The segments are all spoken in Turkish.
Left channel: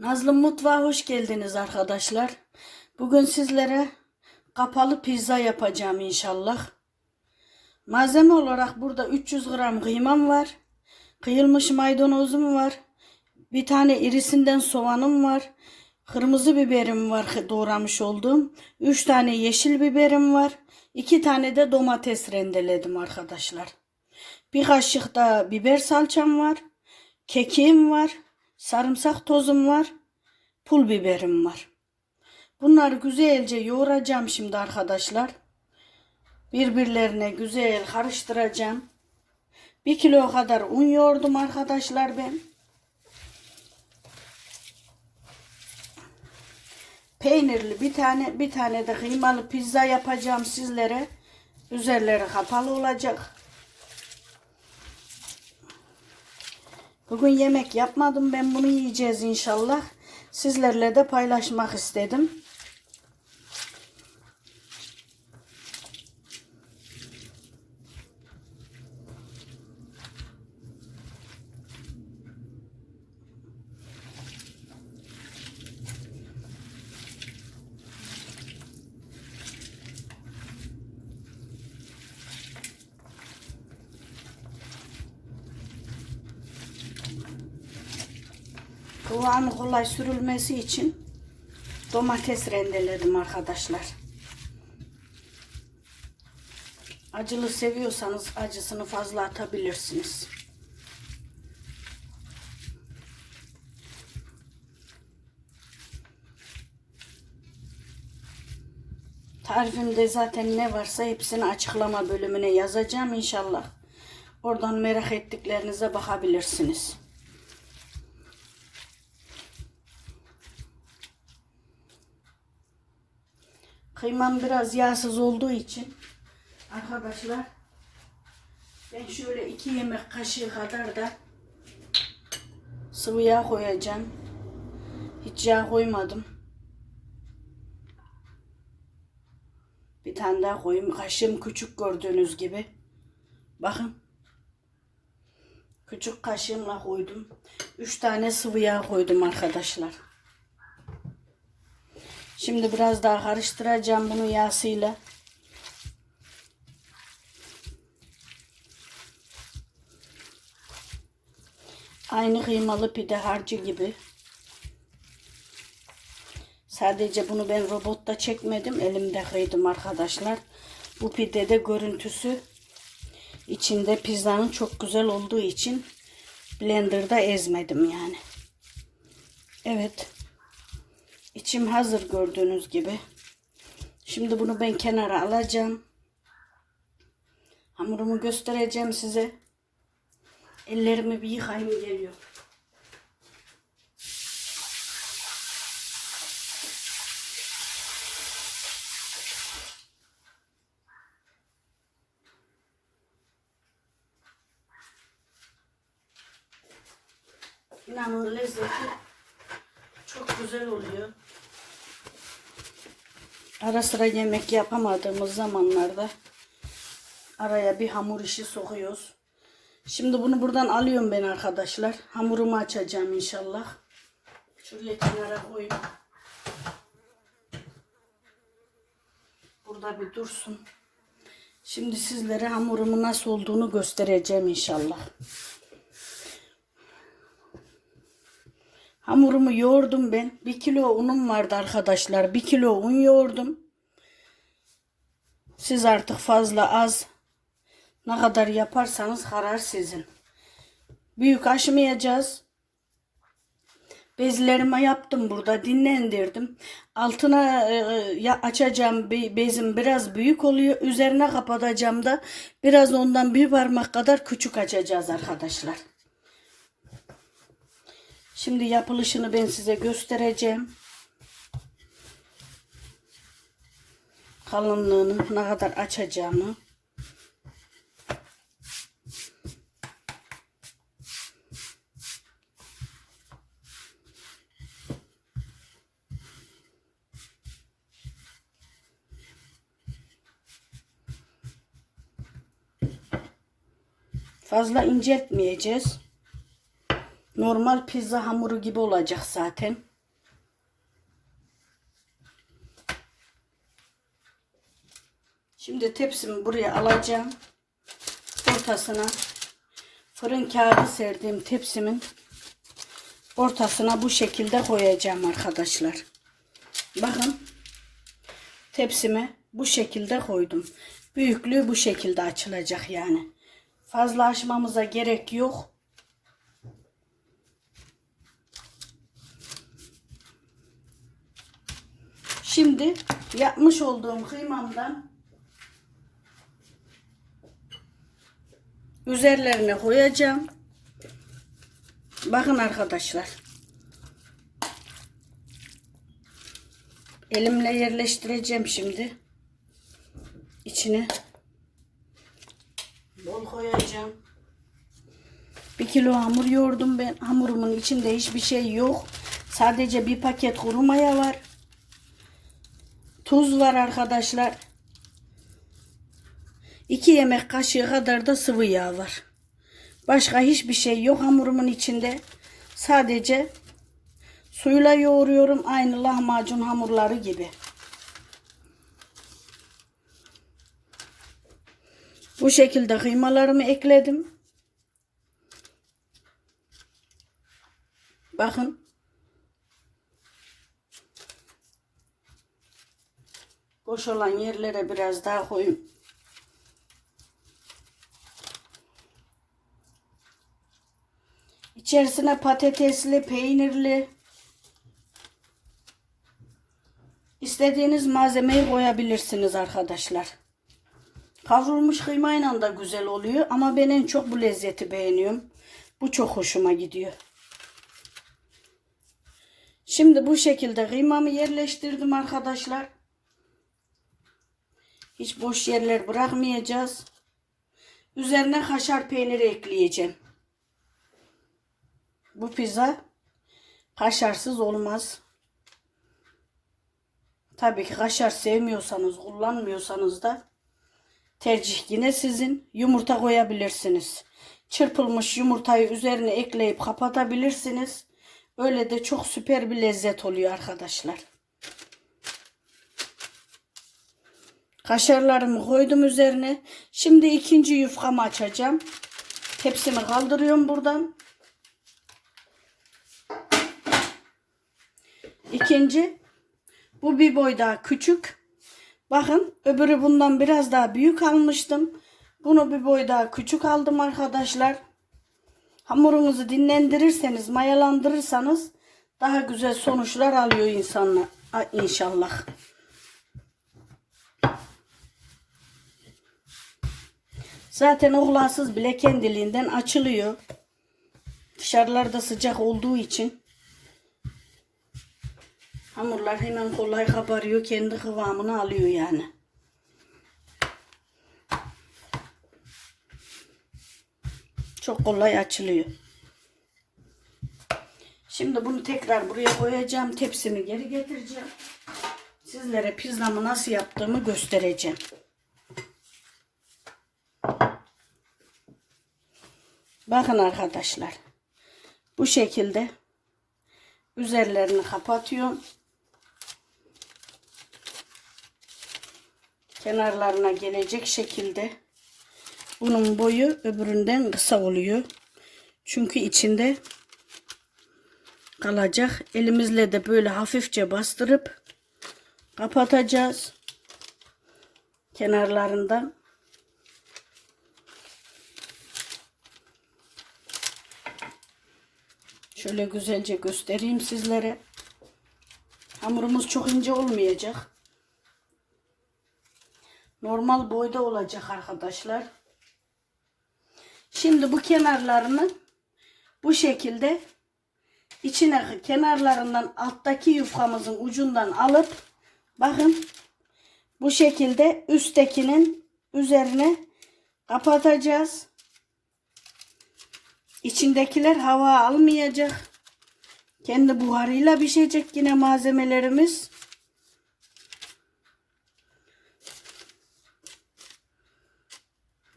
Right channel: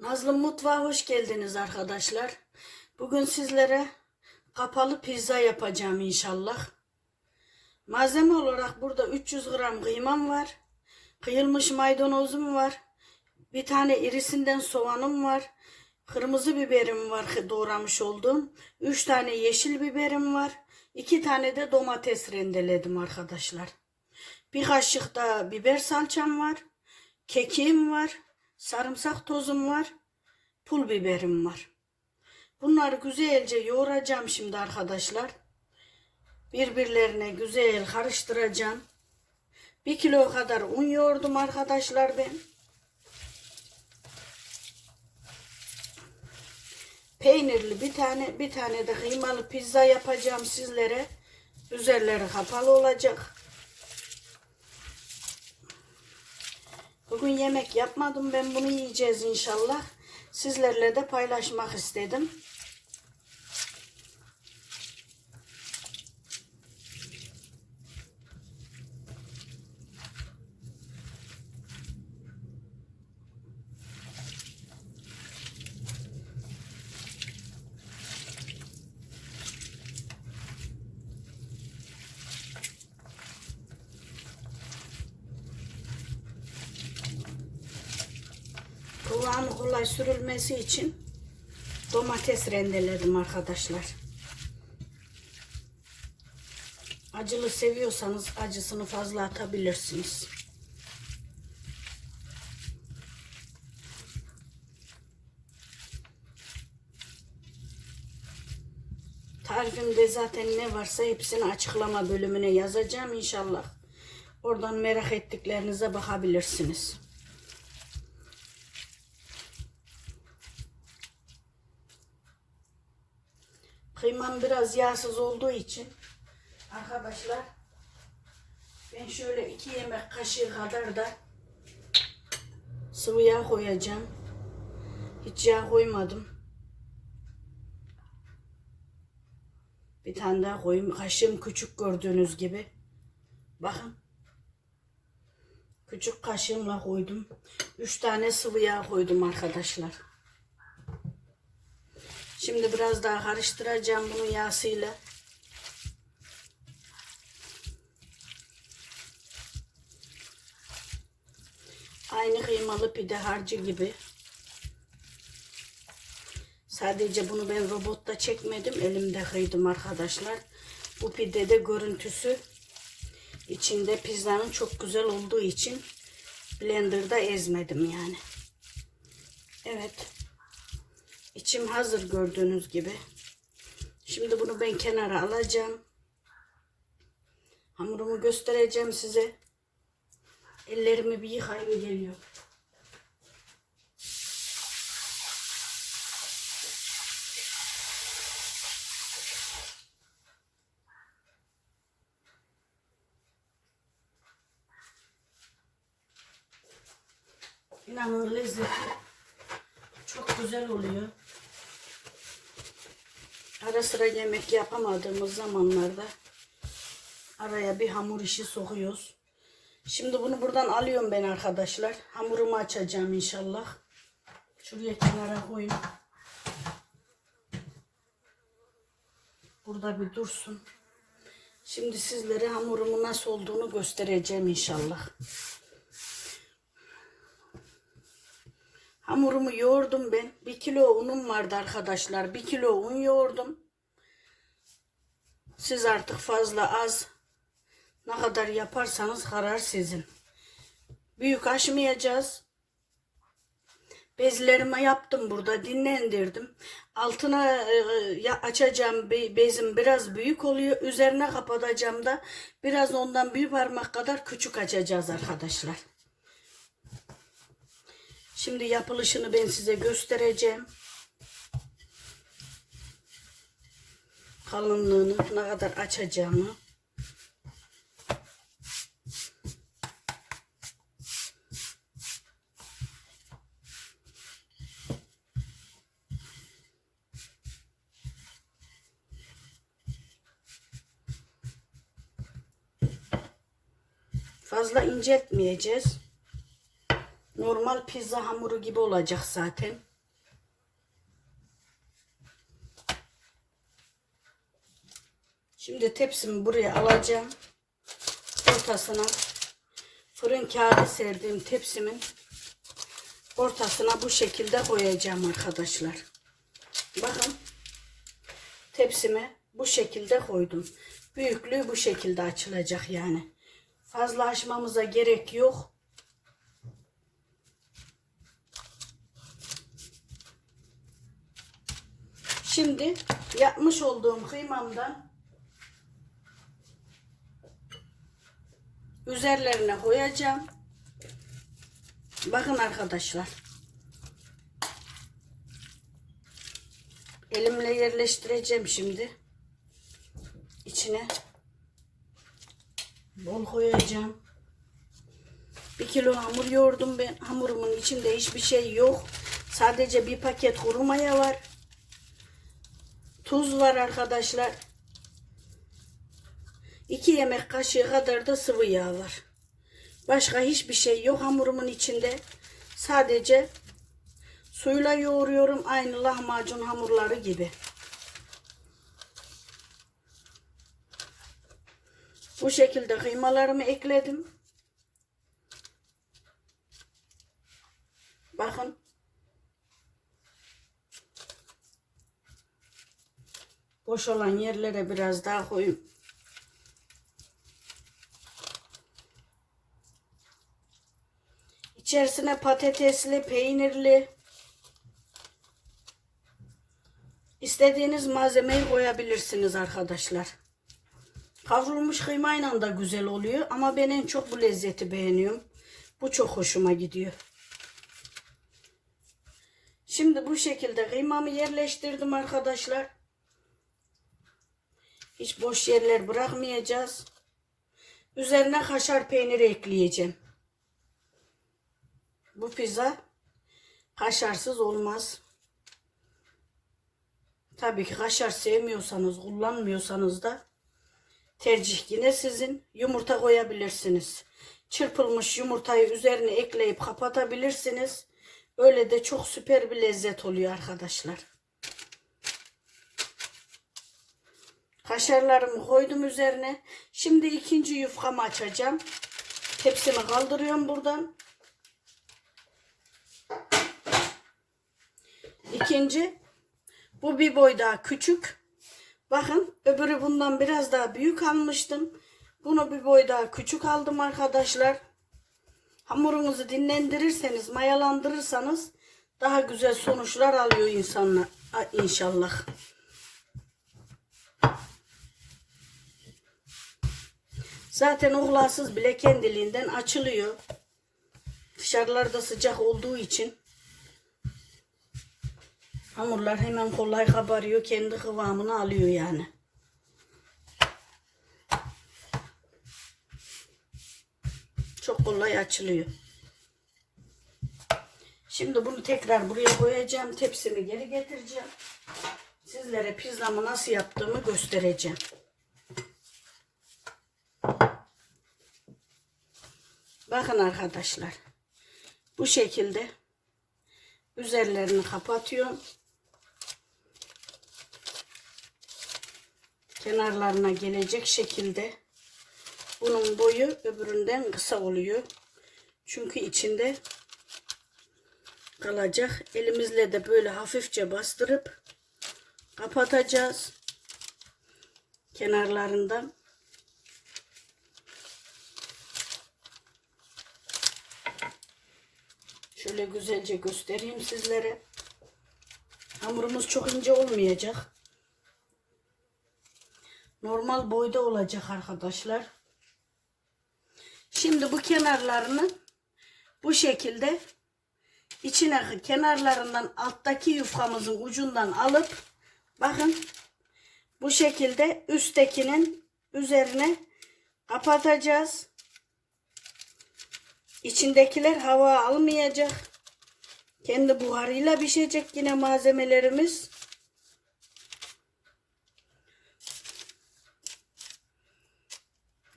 Nazlı Mutfağa hoş geldiniz arkadaşlar. Bugün sizlere kapalı pizza yapacağım inşallah. Malzeme olarak burada 300 gram kıymam var. Kıyılmış maydanozum var. Bir tane irisinden soğanım var. Kırmızı biberim var doğramış olduğum. 3 tane yeşil biberim var. 2 tane de domates rendeledim arkadaşlar. Bir kaşık da biber salçam var. Kekiğim var. Sarımsak tozum var. Pul biberim var. Bunları güzelce yoğuracağım şimdi arkadaşlar. Birbirlerine güzel karıştıracağım. Bir kilo kadar un yoğurdum arkadaşlar ben. Peynirli bir tane bir tane de kıymalı pizza yapacağım sizlere. Üzerleri kapalı olacak. Bugün yemek yapmadım ben bunu yiyeceğiz inşallah. Sizlerle de paylaşmak istedim. Kulağını kolay sürülmesi için domates rendeledim arkadaşlar. Acılı seviyorsanız acısını fazla atabilirsiniz. Tarifimde zaten ne varsa hepsini açıklama bölümüne yazacağım inşallah. Oradan merak ettiklerinize bakabilirsiniz. Kıymam biraz yağsız olduğu için arkadaşlar ben şöyle iki yemek kaşığı kadar da sıvı yağ koyacağım. Hiç yağ koymadım. Bir tane daha koyayım. Kaşığım küçük gördüğünüz gibi. Bakın. Küçük kaşığımla koydum. Üç tane sıvı yağ koydum arkadaşlar. Şimdi biraz daha karıştıracağım bunu yağsıyla. Aynı kıymalı pide harcı gibi. Sadece bunu ben robotta çekmedim. Elimde kıydım arkadaşlar. Bu pidede görüntüsü içinde pizzanın çok güzel olduğu için blenderda ezmedim yani. Evet. İçim hazır gördüğünüz gibi. Şimdi bunu ben kenara alacağım. Hamurumu göstereceğim size. Ellerimi bir yıkayayım geliyor. İnanın lezzeti çok güzel oluyor. Ara sıra yemek yapamadığımız zamanlarda araya bir hamur işi sokuyoruz. Şimdi bunu buradan alıyorum ben arkadaşlar. Hamurumu açacağım inşallah. Şuraya kenara koyayım. Burada bir dursun. Şimdi sizlere hamurumun nasıl olduğunu göstereceğim inşallah. Hamurumu yoğurdum ben. Bir kilo unum vardı arkadaşlar. Bir kilo un yoğurdum. Siz artık fazla az ne kadar yaparsanız karar sizin. Büyük aşmayacağız. Bezlerimi yaptım burada dinlendirdim. Altına e, e, açacağım be, bezim biraz büyük oluyor. Üzerine kapatacağım da biraz ondan bir parmak kadar küçük açacağız arkadaşlar. Şimdi yapılışını ben size göstereceğim. Kalınlığını ne kadar açacağımı. Fazla inceltmeyeceğiz. Normal pizza hamuru gibi olacak zaten. Şimdi tepsimi buraya alacağım. Ortasına fırın kağıdı serdiğim tepsimin ortasına bu şekilde koyacağım arkadaşlar. Bakın tepsime bu şekilde koydum. Büyüklüğü bu şekilde açılacak yani. Fazla açmamıza gerek yok. Şimdi yapmış olduğum kıymamdan üzerlerine koyacağım. Bakın arkadaşlar. Elimle yerleştireceğim şimdi. İçine bol koyacağım. Bir kilo hamur yoğurdum ben. Hamurumun içinde hiçbir şey yok. Sadece bir paket kuru maya var. Tuz var arkadaşlar. 2 yemek kaşığı kadar da sıvı yağ var. Başka hiçbir şey yok hamurumun içinde. Sadece suyla yoğuruyorum aynı lahmacun hamurları gibi. Bu şekilde kıymalarımı ekledim. Bakın. Boş olan yerlere biraz daha koyayım. İçerisine patatesli, peynirli istediğiniz malzemeyi koyabilirsiniz arkadaşlar. Kavrulmuş kıymayla da güzel oluyor ama ben en çok bu lezzeti beğeniyorum. Bu çok hoşuma gidiyor. Şimdi bu şekilde kıymamı yerleştirdim arkadaşlar. Hiç boş yerler bırakmayacağız. Üzerine kaşar peyniri ekleyeceğim. Bu pizza kaşarsız olmaz. Tabii ki kaşar sevmiyorsanız, kullanmıyorsanız da tercih yine sizin. Yumurta koyabilirsiniz. Çırpılmış yumurtayı üzerine ekleyip kapatabilirsiniz. Öyle de çok süper bir lezzet oluyor arkadaşlar. Kaşarlarımı koydum üzerine. Şimdi ikinci yufkamı açacağım. Tepsimi kaldırıyorum buradan. İkinci bu bir boy daha küçük. Bakın öbürü bundan biraz daha büyük almıştım. Bunu bir boy daha küçük aldım arkadaşlar. Hamurunuzu dinlendirirseniz, mayalandırırsanız daha güzel sonuçlar alıyor insanlar inşallah. Zaten ohlasız bile kendiliğinden açılıyor. Dışarılarda sıcak olduğu için hamurlar hemen kolay kabarıyor. Kendi kıvamını alıyor yani. Çok kolay açılıyor. Şimdi bunu tekrar buraya koyacağım. Tepsimi geri getireceğim. Sizlere pizzamı nasıl yaptığımı göstereceğim. Bakın arkadaşlar. Bu şekilde üzerlerini kapatıyorum. Kenarlarına gelecek şekilde. Bunun boyu öbüründen kısa oluyor. Çünkü içinde kalacak. Elimizle de böyle hafifçe bastırıp kapatacağız. Kenarlarından. Şöyle güzelce göstereyim sizlere. Hamurumuz çok ince olmayacak. Normal boyda olacak arkadaşlar. Şimdi bu kenarlarını bu şekilde içine kenarlarından alttaki yufkamızın ucundan alıp bakın bu şekilde üsttekinin üzerine kapatacağız. İçindekiler hava almayacak. Kendi buharıyla pişecek yine malzemelerimiz.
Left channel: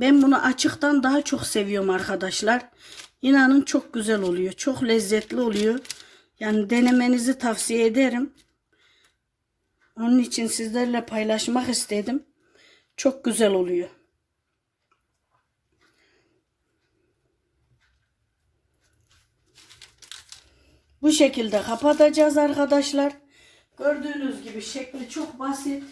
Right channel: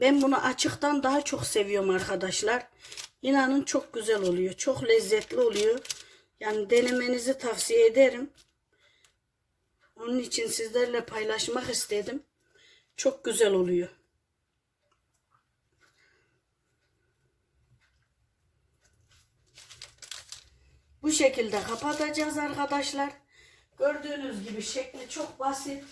Ben bunu açıktan daha çok seviyorum arkadaşlar. İnanın çok güzel oluyor. Çok lezzetli oluyor. Yani denemenizi tavsiye ederim. Onun için sizlerle paylaşmak istedim. Çok güzel oluyor. Bu şekilde kapatacağız arkadaşlar. Gördüğünüz gibi şekli çok basit.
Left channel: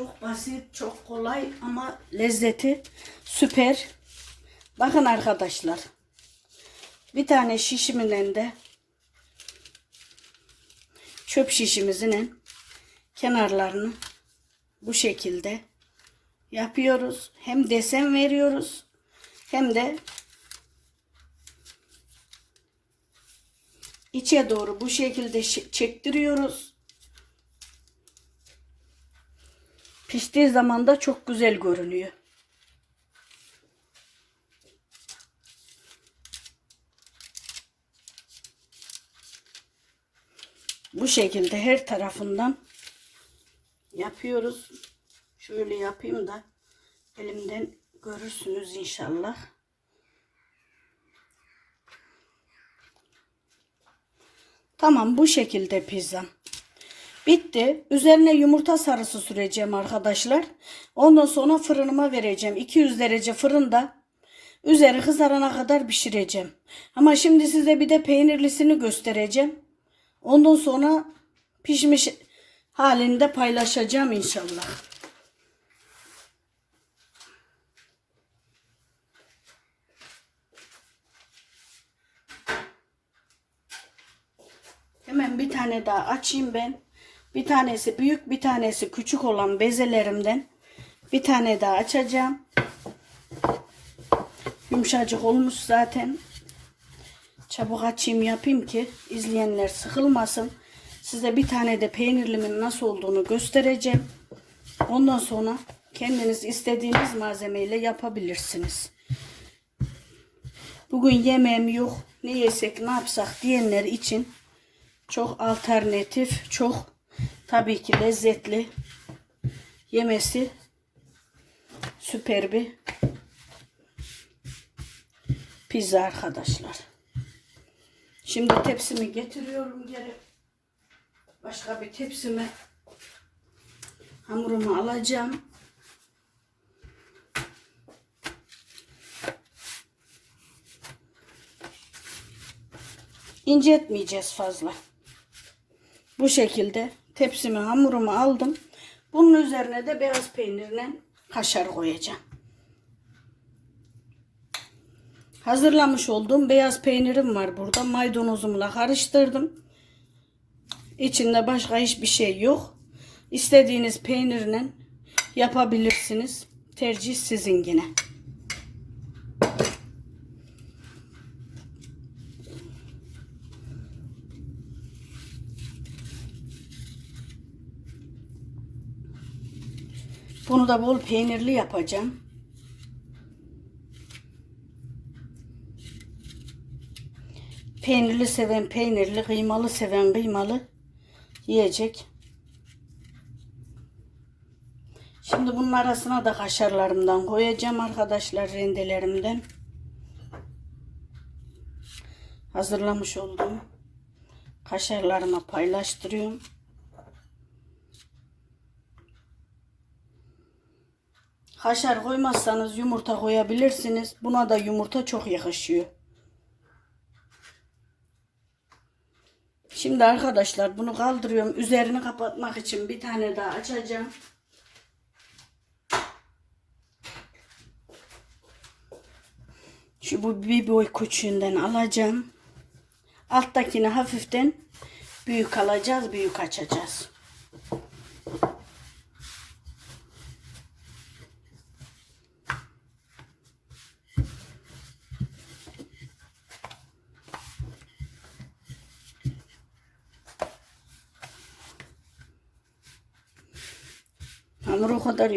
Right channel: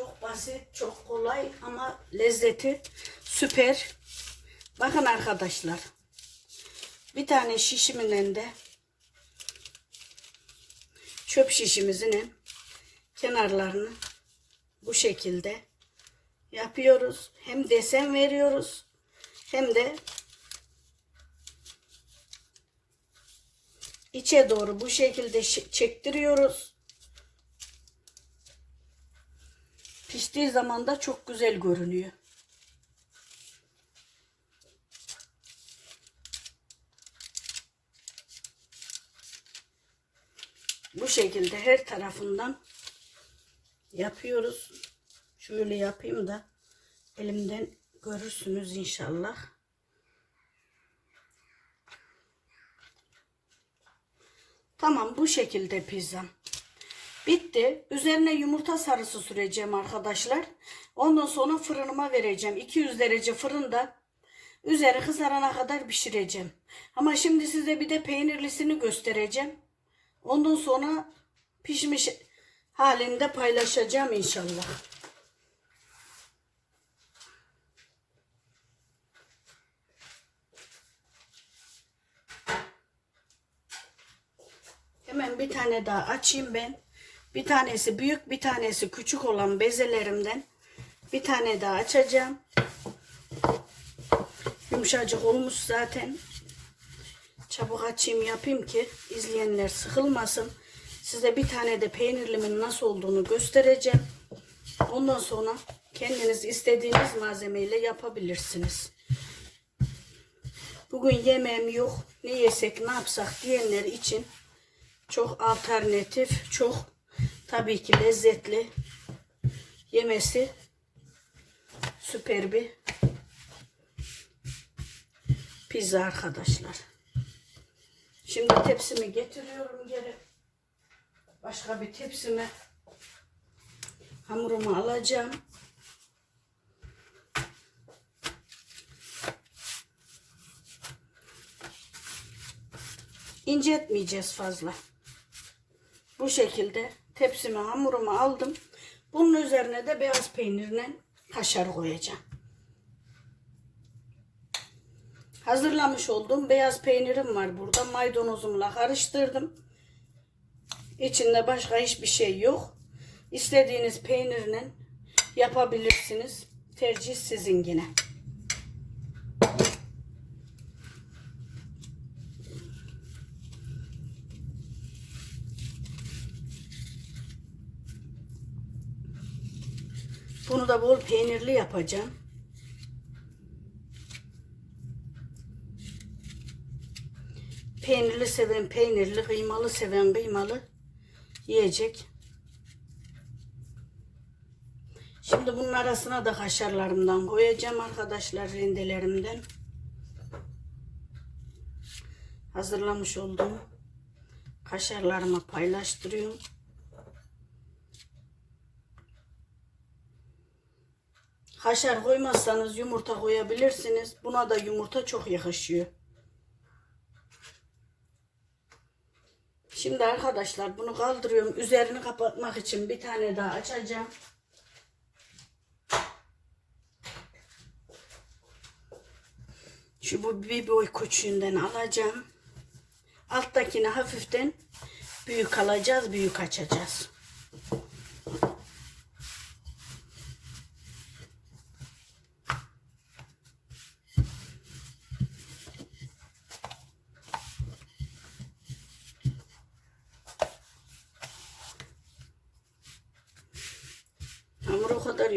Çok basit, çok kolay ama lezzeti süper. Bakın arkadaşlar. Bir tane şişimin de çöp şişimizin kenarlarını bu şekilde yapıyoruz. Hem desen veriyoruz hem de içe doğru bu şekilde çektiriyoruz. Piştiği zaman da çok güzel görünüyor. Bu şekilde her tarafından yapıyoruz. Şöyle yapayım da elimden görürsünüz inşallah. Tamam bu şekilde pizzam. Bitti. Üzerine yumurta sarısı süreceğim arkadaşlar. Ondan sonra fırınıma vereceğim. 200 derece fırında üzeri kızarana kadar pişireceğim. Ama şimdi size bir de peynirlisini göstereceğim. Ondan sonra pişmiş halinde paylaşacağım inşallah. Hemen bir tane daha açayım ben. Bir tanesi büyük, bir tanesi küçük olan bezelerimden bir tane daha açacağım. Yumuşacık olmuş zaten. Çabuk açayım yapayım ki izleyenler sıkılmasın. Size bir tane de peynirlimin nasıl olduğunu göstereceğim. Ondan sonra kendiniz istediğiniz malzemeyle yapabilirsiniz. Bugün yemeğim yok. Ne yesek ne yapsak diyenler için çok alternatif, çok tabii ki lezzetli yemesi süper bir pizza arkadaşlar. Şimdi tepsimi getiriyorum geri. Başka bir tepsime hamurumu alacağım. İncetmeyeceğiz fazla. Bu şekilde tepsime hamurumu aldım. Bunun üzerine de beyaz peynirle kaşar koyacağım. Hazırlamış olduğum beyaz peynirim var burada. Maydanozumla karıştırdım. İçinde başka hiçbir şey yok. İstediğiniz peynirle yapabilirsiniz. Tercih sizin yine. Bunu da bol peynirli yapacağım. Peynirli seven peynirli, kıymalı seven kıymalı yiyecek. Şimdi bunun arasına da kaşarlarımdan koyacağım arkadaşlar rendelerimden. Hazırlamış olduğum kaşarlarımı paylaştırıyorum. Kaşar koymazsanız yumurta koyabilirsiniz. Buna da yumurta çok yakışıyor. Şimdi arkadaşlar bunu kaldırıyorum. Üzerini kapatmak için bir tane daha açacağım. Şu bu bir boy küçüğünden alacağım. Alttakini hafiften büyük alacağız, büyük açacağız.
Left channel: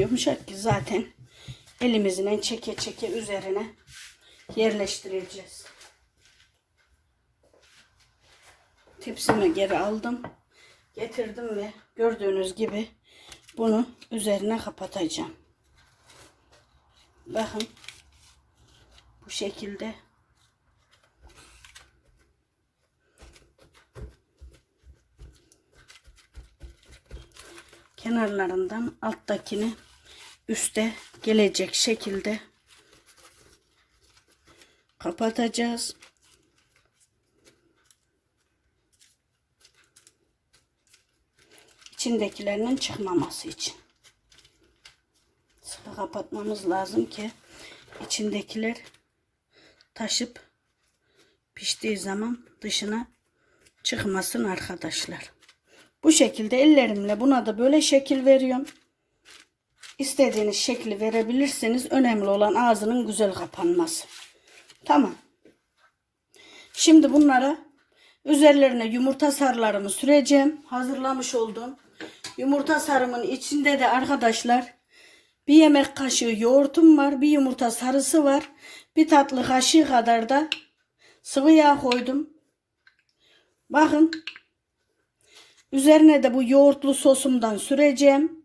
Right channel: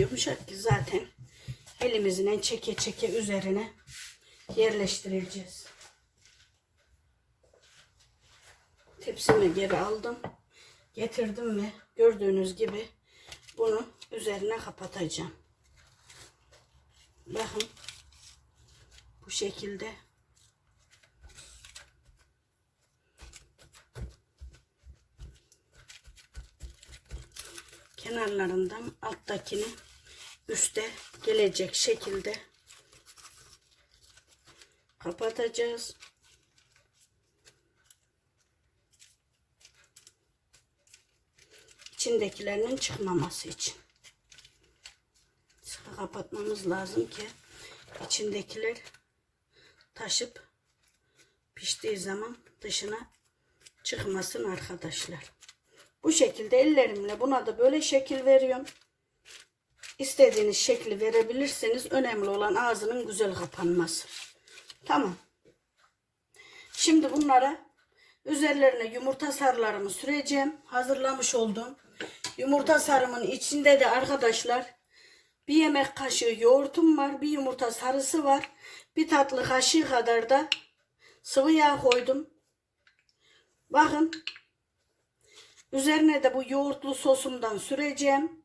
yumuşak ki zaten elimizle çeke çeke üzerine yerleştireceğiz. Tepsimi geri aldım. Getirdim ve gördüğünüz gibi bunu üzerine kapatacağım. Bakın bu şekilde kenarlarından alttakini üste gelecek şekilde kapatacağız. İçindekilerinin çıkmaması için. Sıkı kapatmamız lazım ki içindekiler taşıp piştiği zaman dışına çıkmasın arkadaşlar. Bu şekilde ellerimle buna da böyle şekil veriyorum. İstediğiniz şekli verebilirsiniz. Önemli olan ağzının güzel kapanması. Tamam. Şimdi bunlara üzerlerine yumurta sarılarımı süreceğim. Hazırlamış olduğum yumurta sarımın içinde de arkadaşlar bir yemek kaşığı yoğurtum var. Bir yumurta sarısı var. Bir tatlı kaşığı kadar da sıvı yağ koydum. Bakın. Üzerine de bu yoğurtlu sosumdan süreceğim.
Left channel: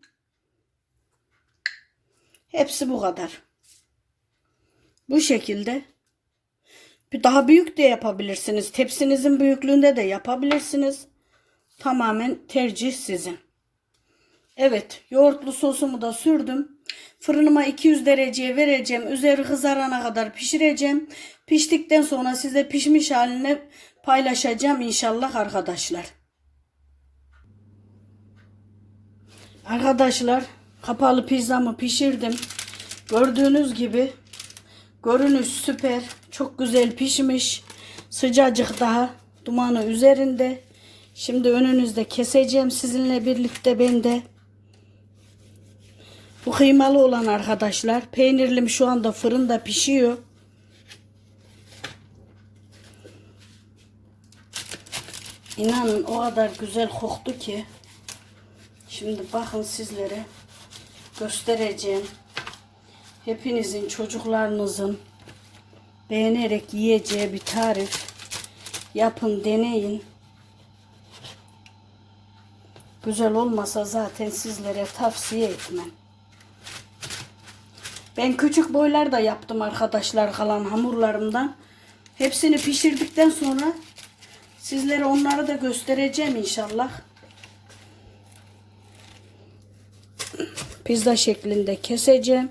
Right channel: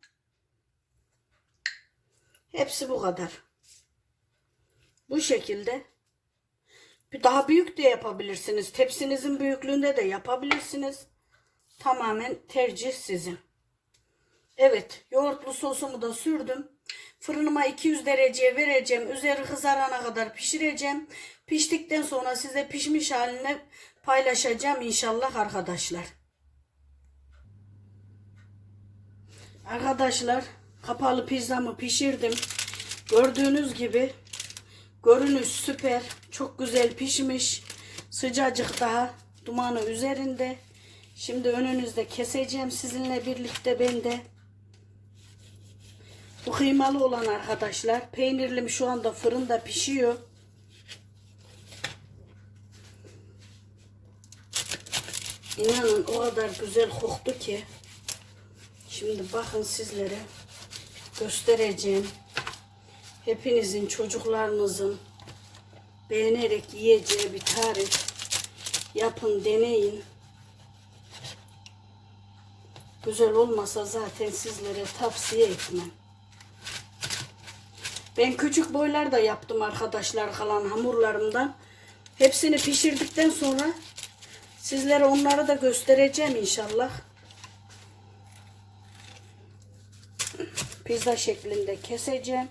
Hepsi bu kadar. Bu şekilde. Bir daha büyük de yapabilirsiniz. Tepsinizin büyüklüğünde de yapabilirsiniz. Tamamen tercih sizin. Evet, yoğurtlu sosumu da sürdüm. Fırınıma 200 dereceye vereceğim. Üzeri kızarana kadar pişireceğim. Piştikten sonra size pişmiş halini paylaşacağım inşallah arkadaşlar. Arkadaşlar, kapalı pizzamı pişirdim. Gördüğünüz gibi görünüş süper. Çok güzel pişmiş. Sıcacık daha. Dumanı üzerinde. Şimdi önünüzde keseceğim sizinle birlikte ben de. Bu kıymalı olan arkadaşlar. Peynirlim şu anda fırında pişiyor. İnanın o kadar güzel koktu ki. Şimdi bakın sizlere göstereceğim. Hepinizin çocuklarınızın beğenerek yiyeceği bir tarif. Yapın deneyin. Güzel olmasa zaten sizlere tavsiye etmem. Ben küçük boylar da yaptım arkadaşlar kalan hamurlarımdan. Hepsini pişirdikten sonra sizlere onları da göstereceğim inşallah. Pizza şeklinde keseceğim.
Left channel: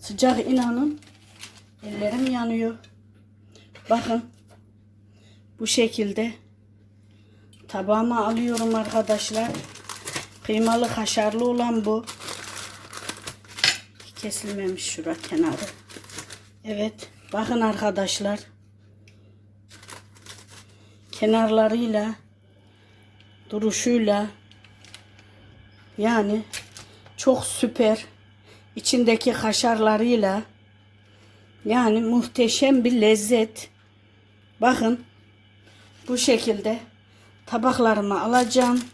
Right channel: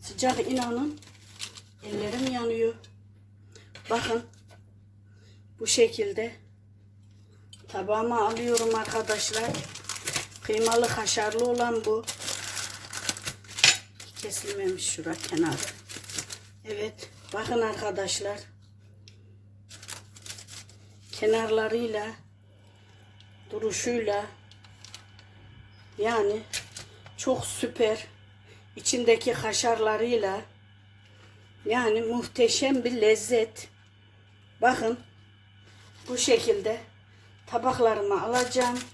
Sıcak inanın ellerim yanıyor. Bakın bu şekilde tabağıma alıyorum arkadaşlar. Kıymalı kaşarlı olan bu. Kesilmemiş şura kenarı. Evet bakın arkadaşlar. Kenarlarıyla duruşuyla yani çok süper içindeki kaşarlarıyla yani muhteşem bir lezzet. Bakın bu şekilde tabaklarımı alacağım.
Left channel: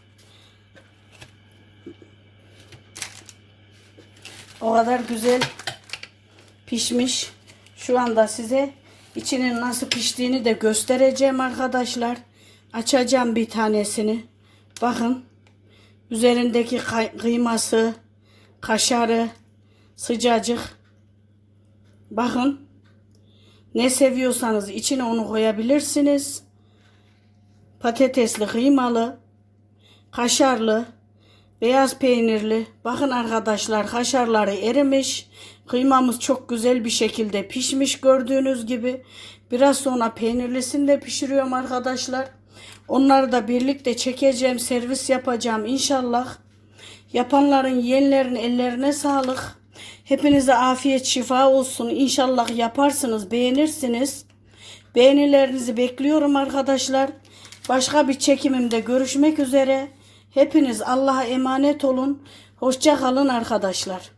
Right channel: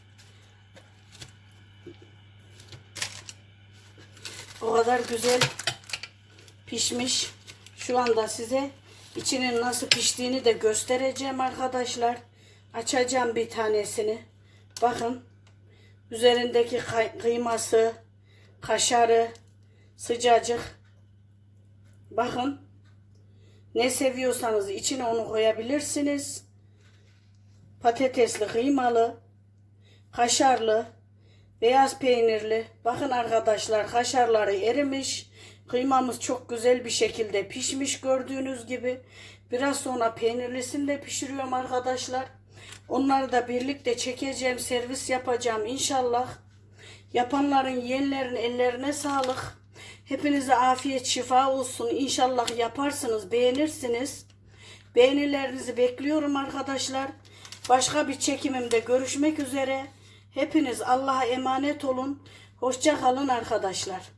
O kadar güzel pişmiş. Şu anda size içinin nasıl piştiğini de göstereceğim arkadaşlar. Açacağım bir tanesini. Bakın üzerindeki kıyması, kaşarı sıcacık. Bakın ne seviyorsanız içine onu koyabilirsiniz. Patatesli, kıymalı, kaşarlı, beyaz peynirli. Bakın arkadaşlar kaşarları erimiş. Kıymamız çok güzel bir şekilde pişmiş gördüğünüz gibi. Biraz sonra peynirlisini de pişiriyorum arkadaşlar. Onları da birlikte çekeceğim, servis yapacağım inşallah. Yapanların, yiyenlerin ellerine sağlık. Hepinize afiyet, şifa olsun. İnşallah yaparsınız, beğenirsiniz. Beğenilerinizi bekliyorum arkadaşlar. Başka bir çekimimde görüşmek üzere. Hepiniz Allah'a emanet olun. Hoşça kalın arkadaşlar.